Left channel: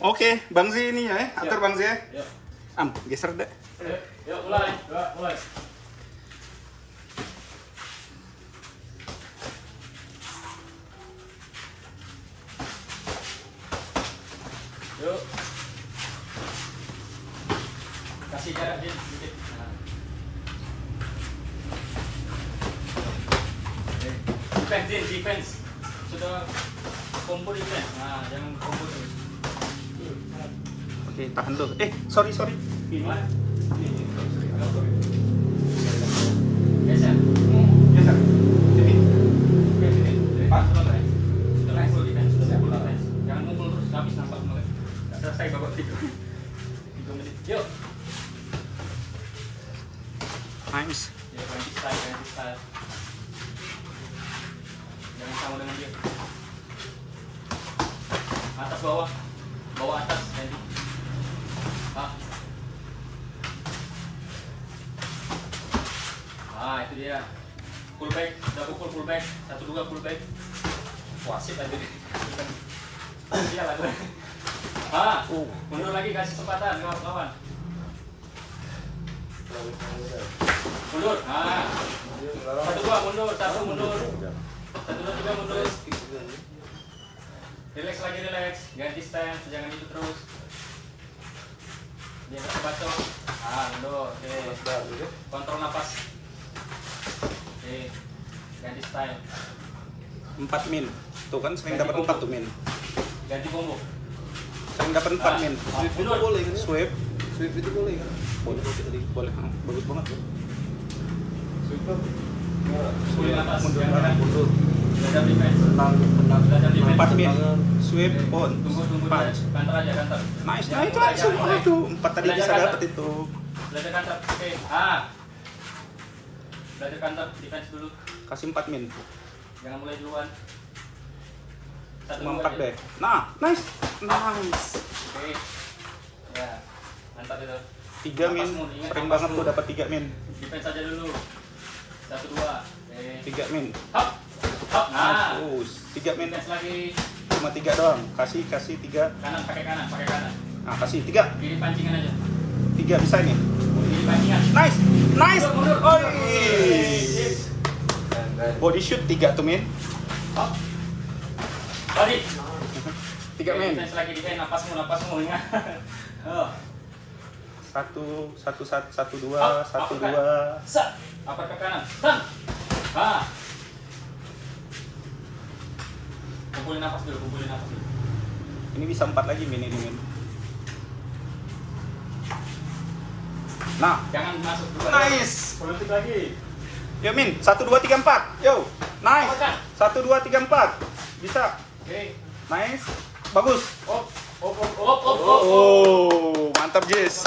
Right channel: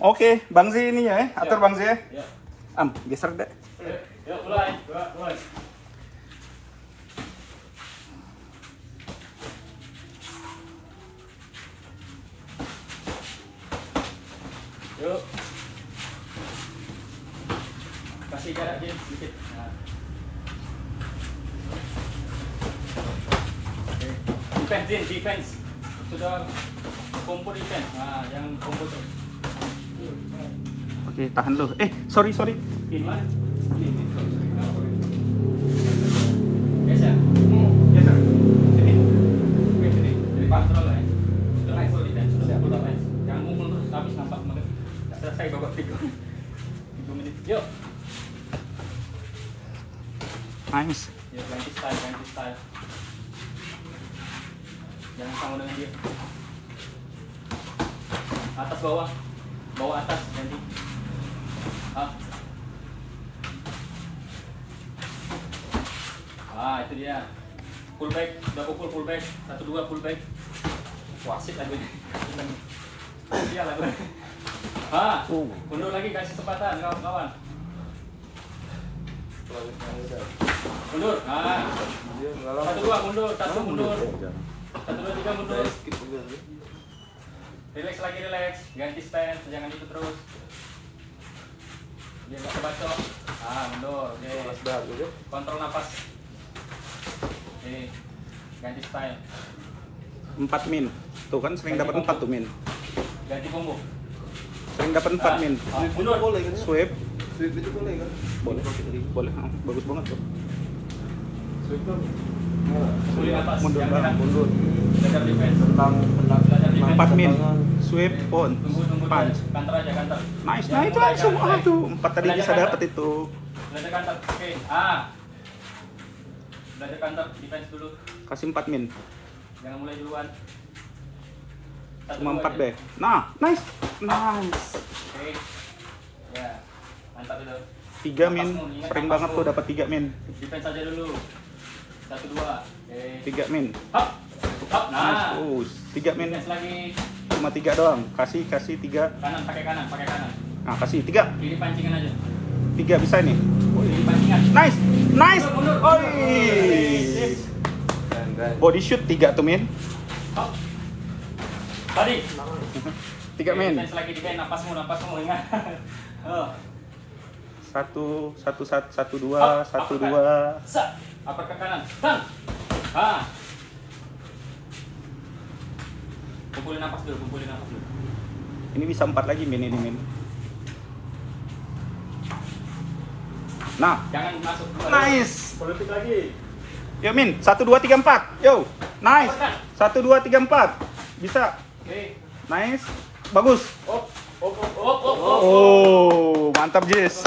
Oke, Bang Z ini ya, atur Bang Z ya. Geser deh. Ya, mulai. Yuk. Kasih jarak dikit. Nah. Defense. Sudah kumpul defense. Nah, jangan kumpul terus. Oke, tahan dulu. Sorry. Ini mana? Geser. Sini. Sini. Pas dulu ya. Sudah full defense. Jangan mukul terus habis nampak mulai. Selesai babak 3 menit. Yuk. Nice. Ya, ganti style. Jangan sama dengan dia. Atas bawah atas ganti. Itu dia. Full back, udah pukul full back. 1-2 full back. Wasit aja. Iya lah. Mundur lagi, kasih kesempatan kawan-kawan. Mundur. 1-2 mundur, 1 mundur. 1-2-3 mundur. Relax. Ganti stand, jangan itu terus. Dia baca. Mundur. Kontrol napas. Ganti style. 4 min. Tuh kan sering dapat 4 tuh min. Ganti combo. Sering dapat 4 min. Mundur. Sweep itu boleh kan? boleh. Bagus banget tuh. Boleh napas. Mundur. Mundur. Sudah defense. 4 min. Sweep on. Tunggu. Punch. Kantor aja, kantor. Nice. Mulai. Aduh, 4 tadi bisa dapat itu. Belajar kantor. Oke. Belajar kantor, defense dulu. Kasih 4 min. Jangan mulai duluan. Cuma 4 deh. Nah, nice. Oke. Ya. Mantap itu. 3 min. Sering banget tuh dapat 3 min. Defense aja dulu. 1-2. Oke. 3 min. Hop. Nah. 3 min. Defense lagi. Cuma 3 doang. Kasih 3. Kanan, pakai kanan. Nah, kasih 3. Pilih pancingan aja. 3 bisa nih. Pilih pancingan. Nice. Mundur. Body shoot 3 tuh min. Hop. Balik. 3 min. Defense lagi, defense. Napasmu ingat. 1 2 Up, 1 uppercut. 2. Set. Upper ke kanan. Bang. Kumpulin napas dulu. Ini bisa 4 lagi min ini min. Nah, Jangan masuk dulu. nice. Politik lagi. Yuk min, 1 2 3 4. Yo, nice. 1 2 3 4. Bisa. Oke. Nice. Bagus. Op. Oh, mantap Jis.